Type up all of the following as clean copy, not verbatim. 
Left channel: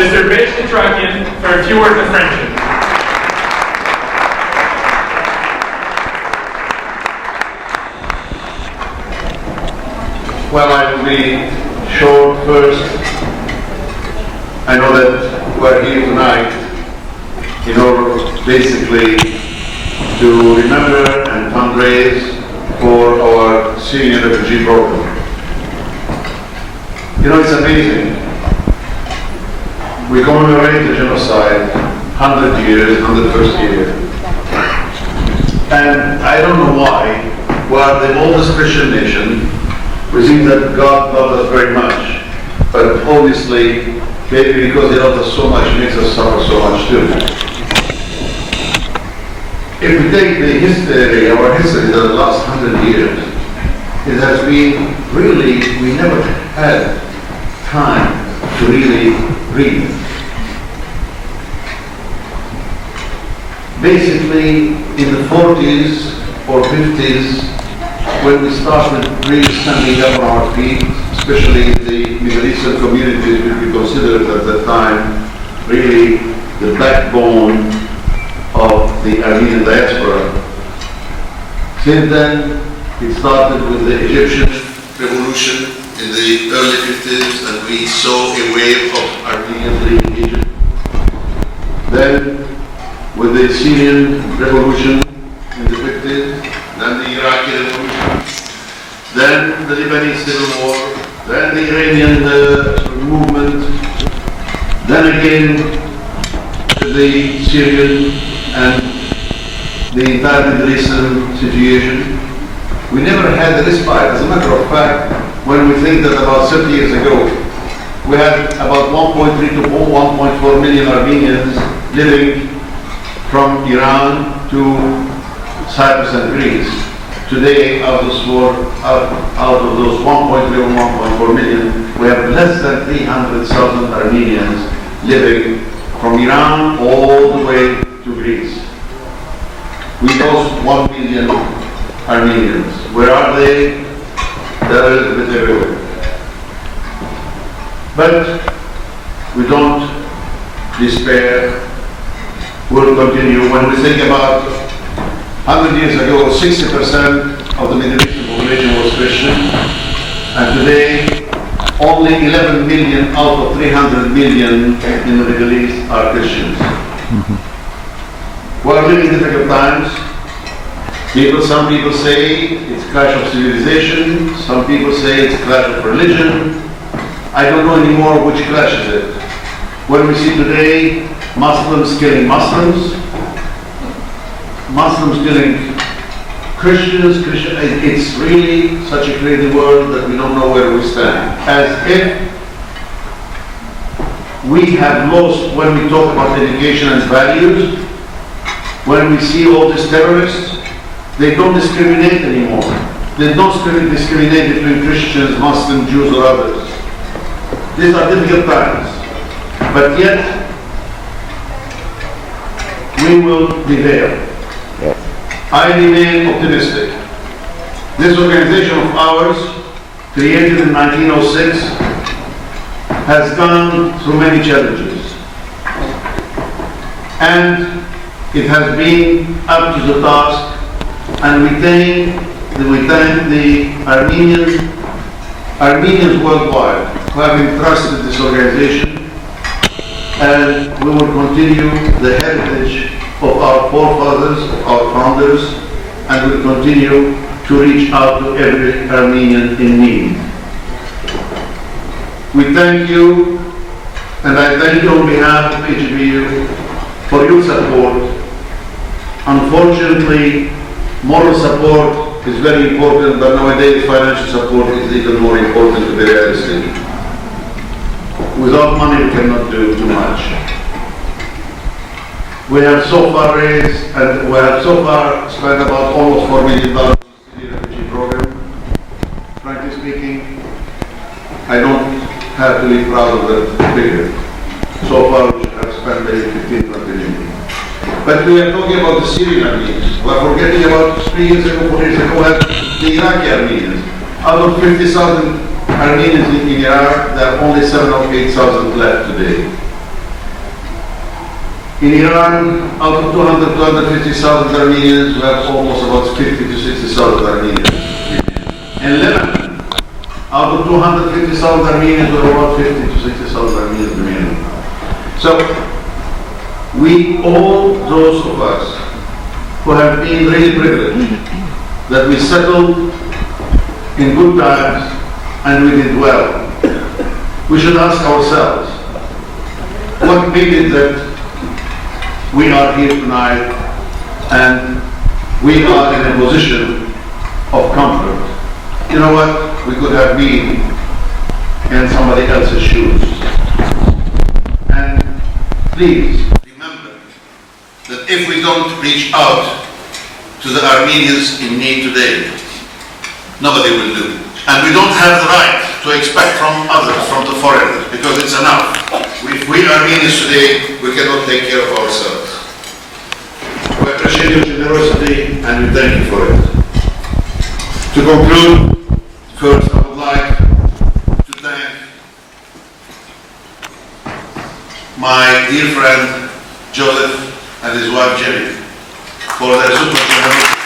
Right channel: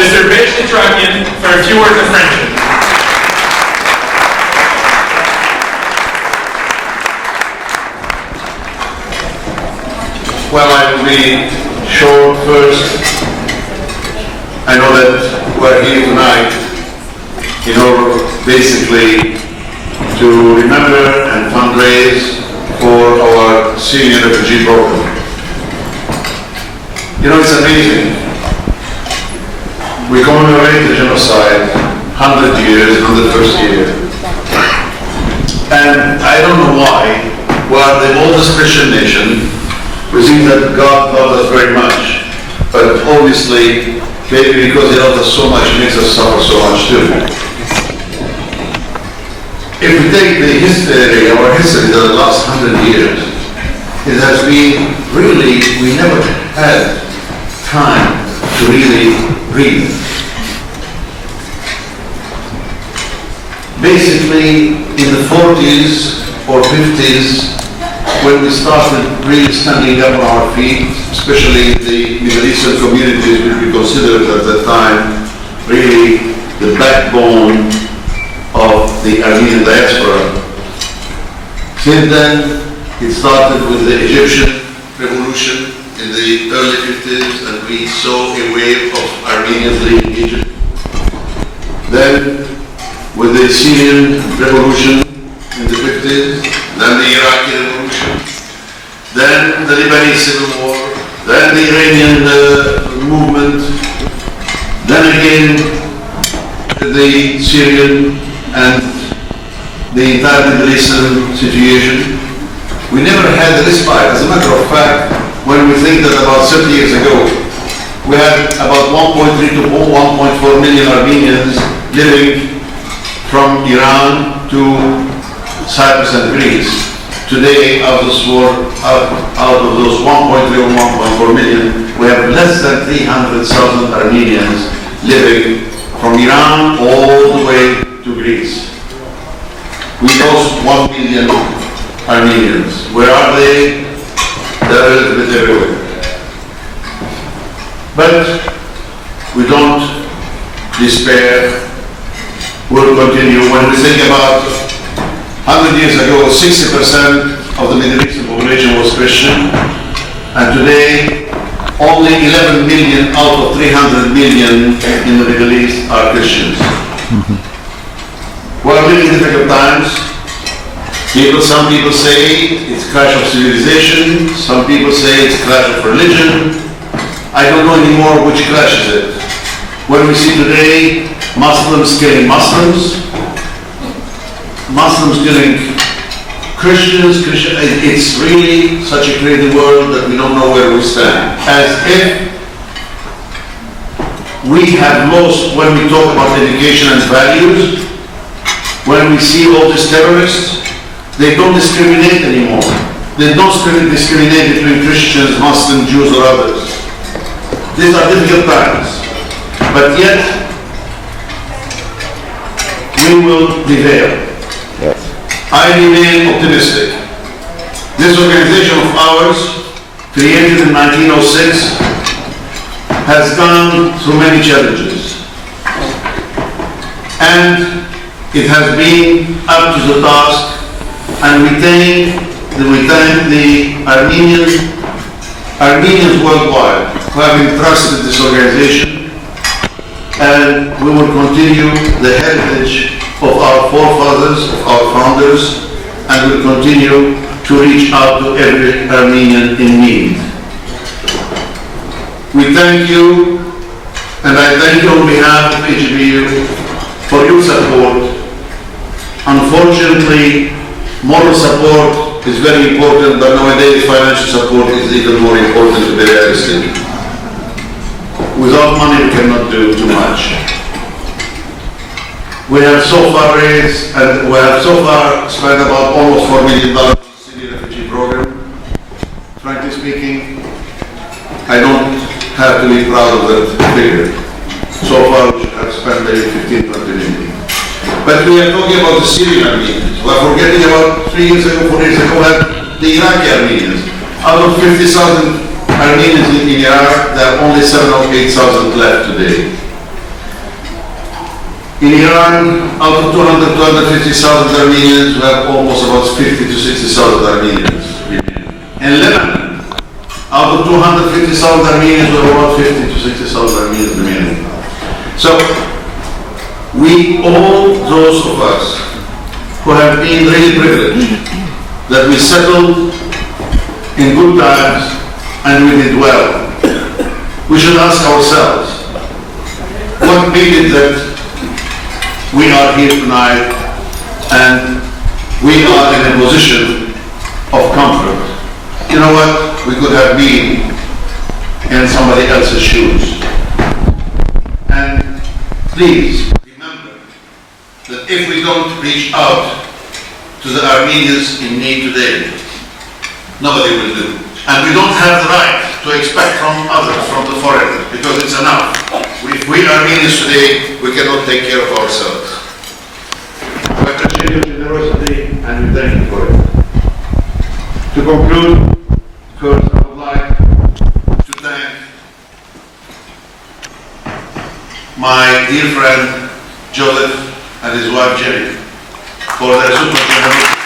Mr. Berge Setrakian, for a few words of friendship. Well, I will be short first. I know that we're here tonight in order basically to remember and fundraise for our Syrian refugee program. You know, it's amazing. We commemorate the genocide 100 years, 101st year. And I don't know why, we're the oldest Christian nation. We think that God loves us very much, but obviously, maybe because He loves us so much, He makes us suffer so much too. If we take the history, our history, the last 100 years, it has been really, we never had time to really read. Basically, in the 40s or 50s, when we started really standing up on our feet, especially in the Middle Eastern communities, which we considered at that time really the backbone of the Armenian diaspora. Since then, it started with the Egyptian revolution in the early 50s, and we saw a wave of Armenians leaving Egypt. Then, with the Syrian revolution in the 50s, then the Iraqi revolution, then the Lebanese civil war, then the Iranian movement, then again the Syrian and the entire Middle Eastern situation. We never had a respite. As a matter of fact, when we think that about 30 years ago, we had about 1.3 to 1.4 million Armenians living from Iran to Cyprus and Greece. Today, out of those 1.3 or 1.4 million, we have less than 300,000 Armenians living from Iran all the way to Greece. We lost 1 million Armenians. Where are they? They're a little bit everywhere. But we don't despair. We'll continue. When we think about 100 years ago, 60% of the Middle Eastern population was Christian, and today only 11 million out of 300 million in the Middle East are Christians. We're living difficult times. Some people say it's a clash of civilization, some people say it's a clash of religion. I don't know anymore which clash is it. When we see today Muslims killing Muslims, Muslims killing Christians, it's really such a crazy world that we don't know where we stand. As if we have lost, when we talk about education and values, when we see all these terrorists, they don't discriminate anymore. They don't discriminate between Christians, Muslims, Jews, or others. These are difficult times. But yet, we will prevail. I remain optimistic. This organization of ours, created in 1906, has gone through many challenges. And it has been up to the task, and we thank the Armenians worldwide who have entrusted this organization, and we will continue the heritage of our forefathers, of our founders, and will continue to reach out to every Armenian in need. We thank you, and I thank you on behalf of AGBU for your support. Unfortunately, moral support is very important, but nowadays financial support is even more important, to be realistic. Without money we cannot do too much. We have so far raised, and we have so far spent about almost $4 million on the refugee program. Frankly speaking, I don't have to be proud of that figure. So far we have spent maybe 15-20 million. But we are talking about the Syrian Armenians. We are forgetting about 3 years ago, 4 years ago, we had the Iraqi Armenians. Out of 50,000 Armenians in Iraq, there are only 7,000 or 8,000 left today. In Iran, out of 200 to 250,000 Armenians, we have almost about 50 to 60,000 Armenians. In Lebanon, out of 250,000 Armenians, we have about 50 to 60,000 Armenians remaining. So, we, all those of us who have been really privileged, that we settled in good times and we did well, we should ask ourselves, what made it that we are here tonight and we are in a position of comfort? You know what? We could have been in somebody else's shoes. And please remember that if we don't reach out to the Armenians in need today, nobody will do. And we don't have the right to expect from others, from the foreigners, because it's enough. If we Armenians today, we cannot take care of ourselves. We appreciate your generosity and we thank you for it. To conclude, first I would like to thank my dear friend Joseph and his wife Jenny for their super generosity.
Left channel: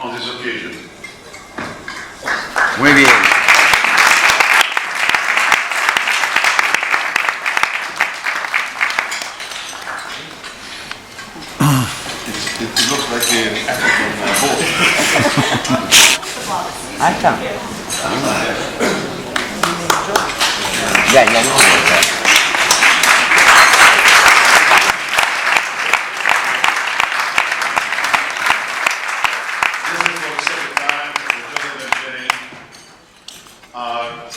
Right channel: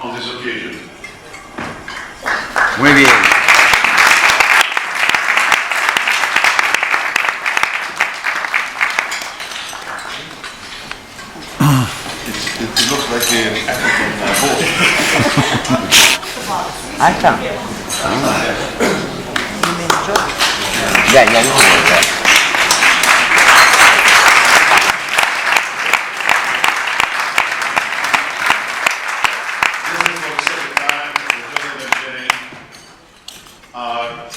On this occasion. Muy bien. It looks like an African boat. Ahí está. Ya, no.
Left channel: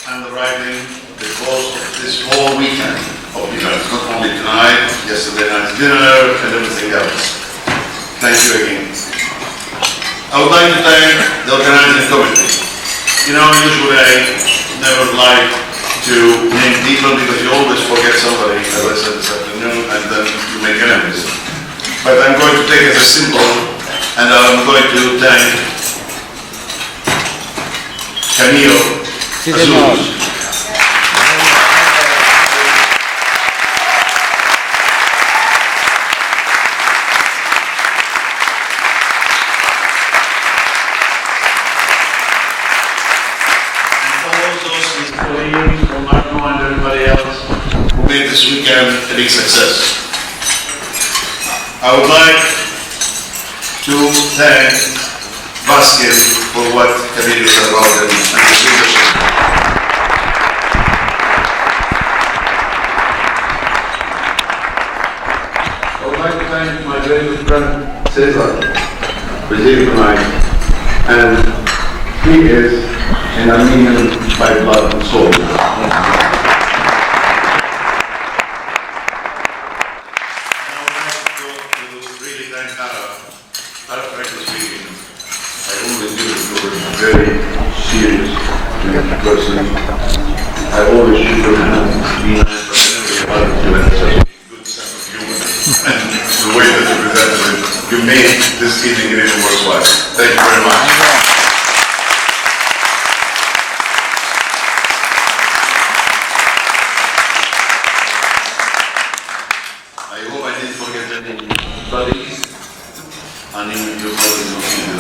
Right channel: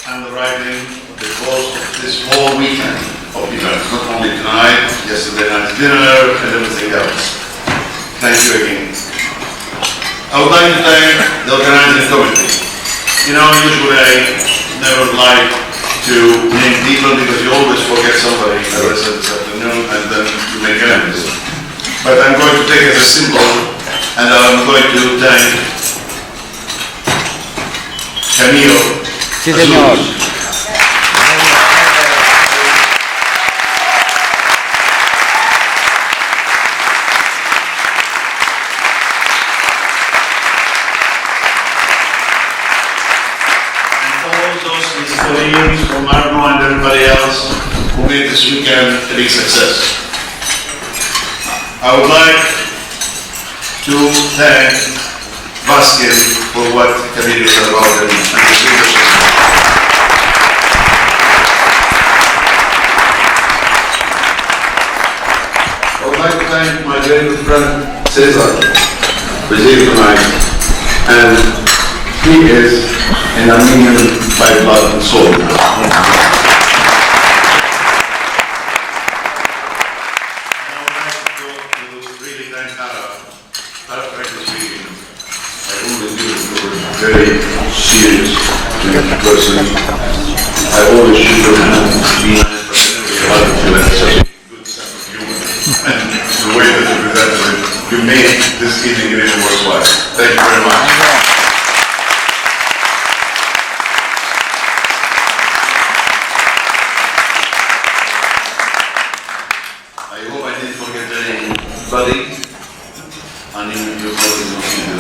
And the writing because of this whole weekend of events, not only tonight, yesterday night's dinner, and everything else. Thank you again. I would like to thank the organizing committee. You know, usually I never like to name people because you always forget somebody, as I said this afternoon, and then you make enemies. But I'm going to take it as a symbol, and I'm going to thank Camilo Sí, señor. Made this weekend a big success. I would like to thank Vasquez for what Camilo said about him and his leadership. I would like to thank my very good friend Cesar, who is here tonight, and he is an Armenian by blood and soul. Very serious person. I always shoot your hand, be nice, but you have such a good sense of humor. And the way that you presented it, you made this evening really worthwhile. Thank you very much. I hope I didn't forget anybody. And even your mother is not here.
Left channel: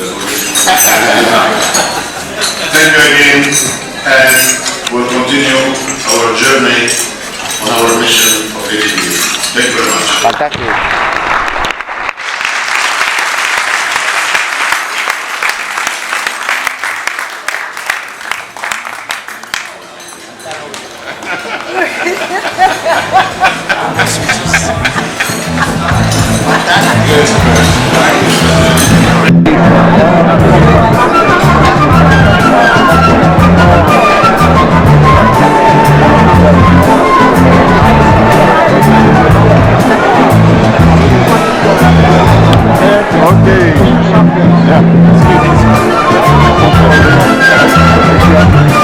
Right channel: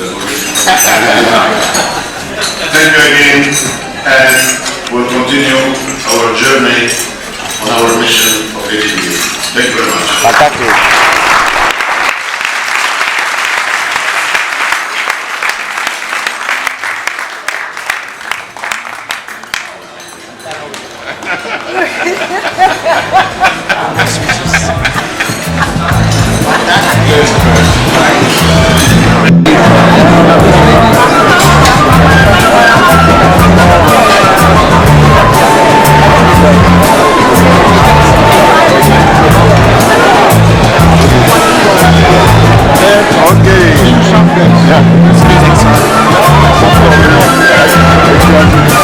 Thank you again, and we'll continue our journey on our mission of AGBU. Thank you very much. Fantástico. Okay. Yeah.